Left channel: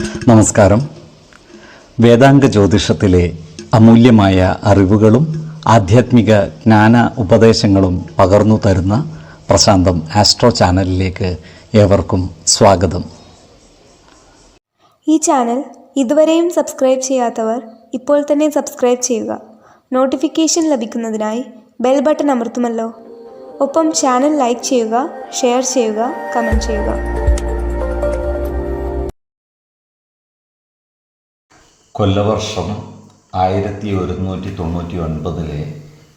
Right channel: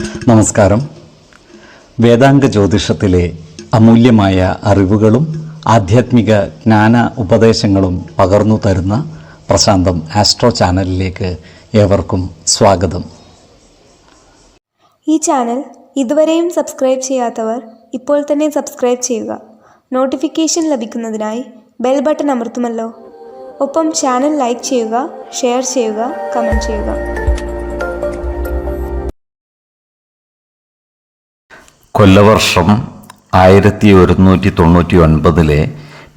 നമസ്കാരം. വേദാംഗ ജ്യോതിഷത്തിലെ അമൂല്യമായ അറിവുകളും ആധ്യാത്മിക ജ്ഞാന ഉപദേശങ്ങളും പകർന്നു തരുന്ന പ്രശാന്തം ആസ്ട്രോ ചാനലിലേക്ക് ഏവർക്കും സ്വാഗതം. ഈ ചാനൽ ഇതുവരെയും സബ്സ്ക്രൈബ് ചെയ്യാത്തവർ ഇപ്പോൾ തന്നെ സബ്സ്ക്രൈബ് ചെയ്യുക. നോട്ടിഫിക്കേഷൻ ലഭിക്കുന്നതിനായി ബെൽ ബട്ടൺ അമർത്തുമല്ലോ. ഒപ്പം ചാനൽ ലൈക്ക് ചെയ്യുക, ഷെയർ ചെയ്യുക, കമൻറ്റ് ചെയ്യുക. കൊല്ലവർഷം 1199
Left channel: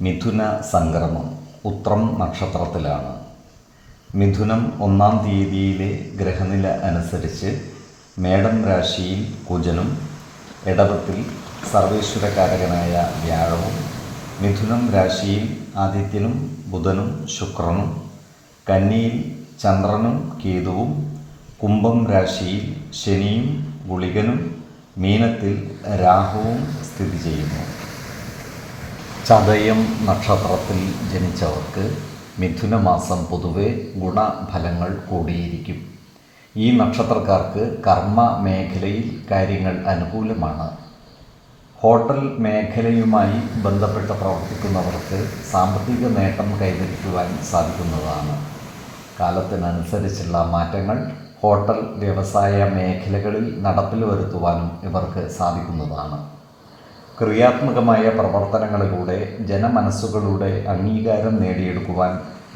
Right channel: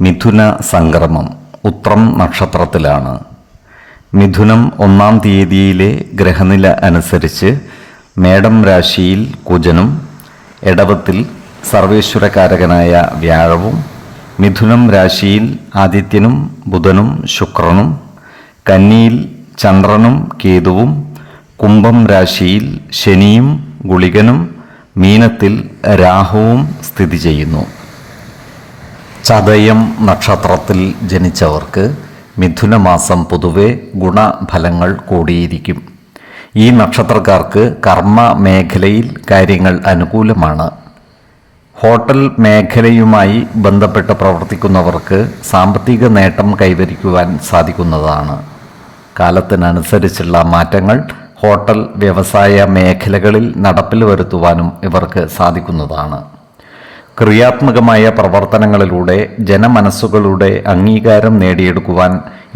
മിഥുന സംക്രമം ഉത്രം നക്ഷത്രത്തിലാണ്. മിഥുനം 1-ാം തീയതിയിലെ ഗ്രഹനില അനുസരിച്ച് മേടം രാശിയിൽ കുജനും, എടവത്തിൽ സർവേശ്വരകാരകനായ വ്യാഴവും, മിഥുനം രാശിയിൽ ആദിത്യനും ബുധനും ശുക്രനും, കന്നിയിൽ ചന്ദ്രനും കേതുവും, കുംഭം രാശിയിൽ ശനിയും ഗുളികനും, മീനത്തിൽ രാഹുവും സ്ഥിതി ചെയ്യുന്നു. ചതയം നക്ഷത്രത്തിൽ ജനിച്ചവർക്ക് മിഥുനമാസം പൊതുവെ ഗുണഫലങ്ങൾ കൂടിയിരിക്കും. ഈ നക്ഷത്രക്കാർക്ക് കർമ്മ മേഖലയിൽ കാര്യങ്ങൾ അനുകൂലമാണ്. ഹോട്ടൽ മേഖലയുമായി ബന്ധപ്പെട്ട് പ്രവർത്തിക്കുന്നവർക്ക് സാമ്പത്തിക നേട്ടം കൈവരിക്കുവാൻ സാധിക്കുന്നതാണ്. കാലത്തിനനുസരിച്ചുള്ള മാറ്റങ്ങൾ ഹോട്ടൽ വ്യവസായ മേഖലകളിൽ നടപ്പിൽ വരുത്തുവാനും ഇവർക്ക് സാധിക്കുന്നതാണ്. ക്രിയാത്മകമായ പ്രവർത്തനങ്ങളിലൂടെ ജനമനസ്സുകളുടെ അംഗീകാരം നേടിയെടുക്കുവാൻ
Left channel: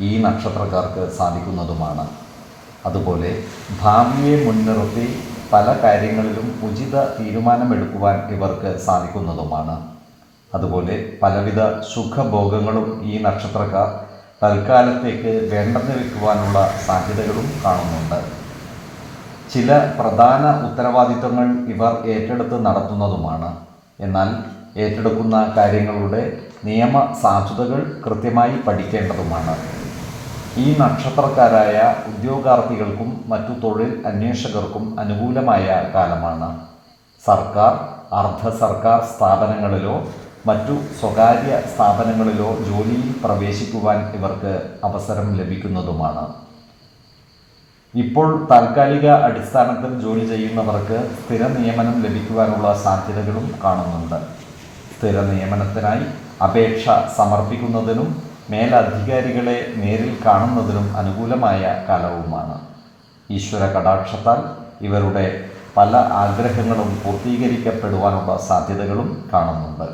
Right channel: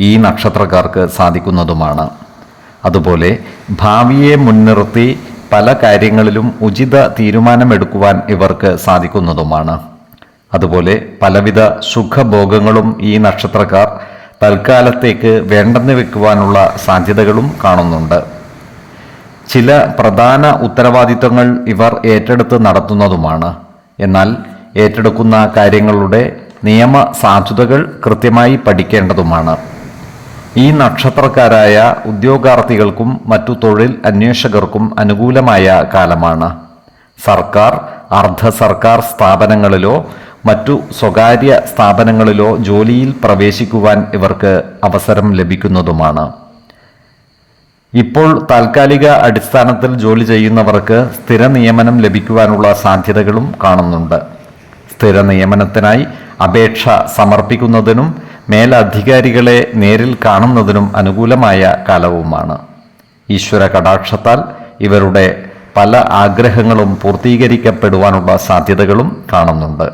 ഈ നക്ഷത്രക്കാർക്ക് സാധിക്കുന്നതുമാണ്. അതുപോലെ ഭാവിയെ മുൻനിർത്തി പല കാര്യങ്ങളിലും ഉചിത തീരുമാനമെടുക്കുവാൻ ഇവർക്ക് സാധിക്കുന്നതുമാണ്. അതുപോലെ പലവിധ സുഖഭോഗങ്ങളും ഈ നക്ഷത്രക്കാർ തൽക്കാലത്തേക്ക് വേണ്ടെന്ന് വെക്കുവാനുള്ള സാധ്യതകളും കാണുന്നുണ്ട്. ചില പ്രധാന ഉത്തരവാദിത്തങ്ങൾ ഇവർ ഏറ്റെടുത്ത് നടത്തുന്നതുമാണ്. എന്നാൽ ഏറ്റെടുക്കുന്ന കാര്യങ്ങളുടെ നിയമ സാധുതകൾ കൃത്യമായി പഠിക്കേണ്ടതുമാണ്. ഈ നക്ഷത്രക്കാരായ ഉദ്യോഗാർത്ഥികൾക്കും മറ്റു തൊഴിൽ അന്വേഷകർക്കും അനുകൂലമായ കാലമാണ്. സർക്കാർ, അർദ്ധ സർക്കാർ സ്ഥാപനങ്ങളിലോ മറ്റു സ്വകാര്യ സ്ഥാപനങ്ങളിലോ ജോലിയിൽ പ്രവേശിക്കുവാൻ ഇവർക്ക് അവസരം ലഭിക്കുന്നതുമാണ്. ഇപ്പോൾ താൽക്കാലിക അടിസ്ഥാനത്തിൽ ജോലി ചെയ്യുന്നവർക്ക് സ്ഥിര നിയമനം ലഭിക്കുവാനുള്ള സാധ്യതകളും കാണുന്നുണ്ട്. സ്ഥിര നിയമനത്തിനായി അപേക്ഷ സമർപ്പിക്കുന്നതിനും മേലധികാരികളെ നേരിൽ കാണുന്നതിനും അനുകൂലമായ കാലവുമാണ്. ഈശ്വര കടാക്ഷത്താൽ ഇവരുടെ പല ആഗ്രഹങ്ങളും പൂർത്തീകരിക്കപ്പെടുവാനുള്ള സാധ്യതകളും കാണുന്നുണ്ട്.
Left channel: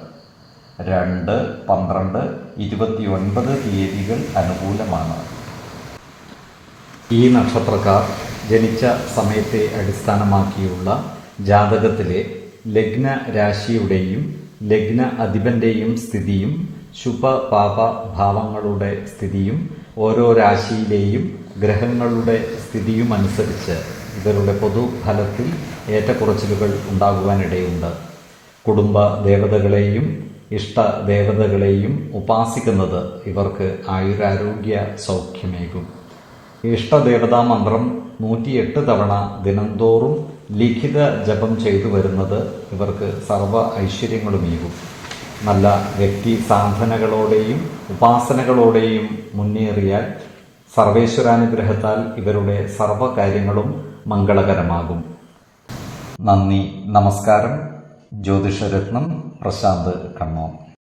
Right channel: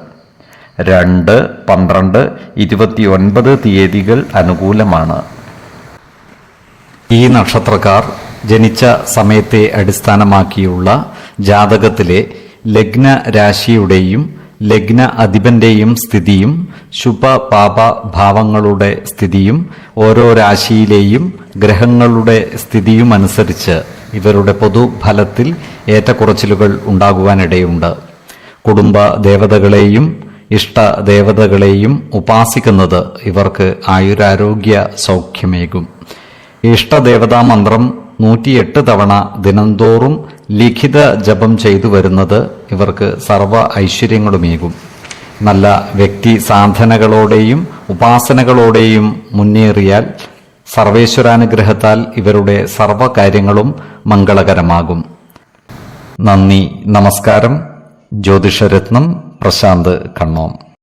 2, 12, 29 തീയതികൾ അനുകൂലമാണ്. ഈ നക്ഷത്രക്കാർ ജനിച്ച സമയത്തെ അടിസ്ഥാനമാക്കിയുള്ള ജാതകത്തിലെ ലഗ്ന രാശിയുടെയും ലഗ്ന അധിപന്റെയും സ്ഥിതിയും ശുഭ-പാപ ഭാവങ്ങളുടെ സ്ഥിതിയും ഓരോ രാശിയിലെയും ഗ്രഹങ്ങളുടെ സ്ഥിതിയും അനുസരിച്ച് ഇവരുടെ പൊതുഫലത്തിൽ ഏറ്റക്കുറച്ചിലുകൾ ഉണ്ടാകുവാനിടയുണ്ട്. കുടുംബ ദേവതകളെയും ഇഷ്ടദേവതകളെയും ഉപാസിക്കുന്നത് ഇവർക്ക് ആയുരാരോഗ്യ സൗഖ്യമേകും. ഇഷ്ടദേവതാ മന്ത്രം 108 തവണ ദിനംതോറും ലിഖിത ജപം ചെയ്തു വരുന്നത് ഇവർക്ക് സർവ്വ ഐശ്വര്യങ്ങളുമേകും. നല്ല വ്യക്തി സാധനകളോടെയും ഉപാസനകളോടെയും മുന്നേറിയാൽ സർവേശ്വരാനുഗ്രഹത്താൽ ഇവരുടെ സർവ്വകാര്യങ്ങളും മംഗളകരമാകും. നന്ദി, നമസ്കാരം. ജ്യോതിഷരത്നം പ്രശാന്ത് കണ്ണോം.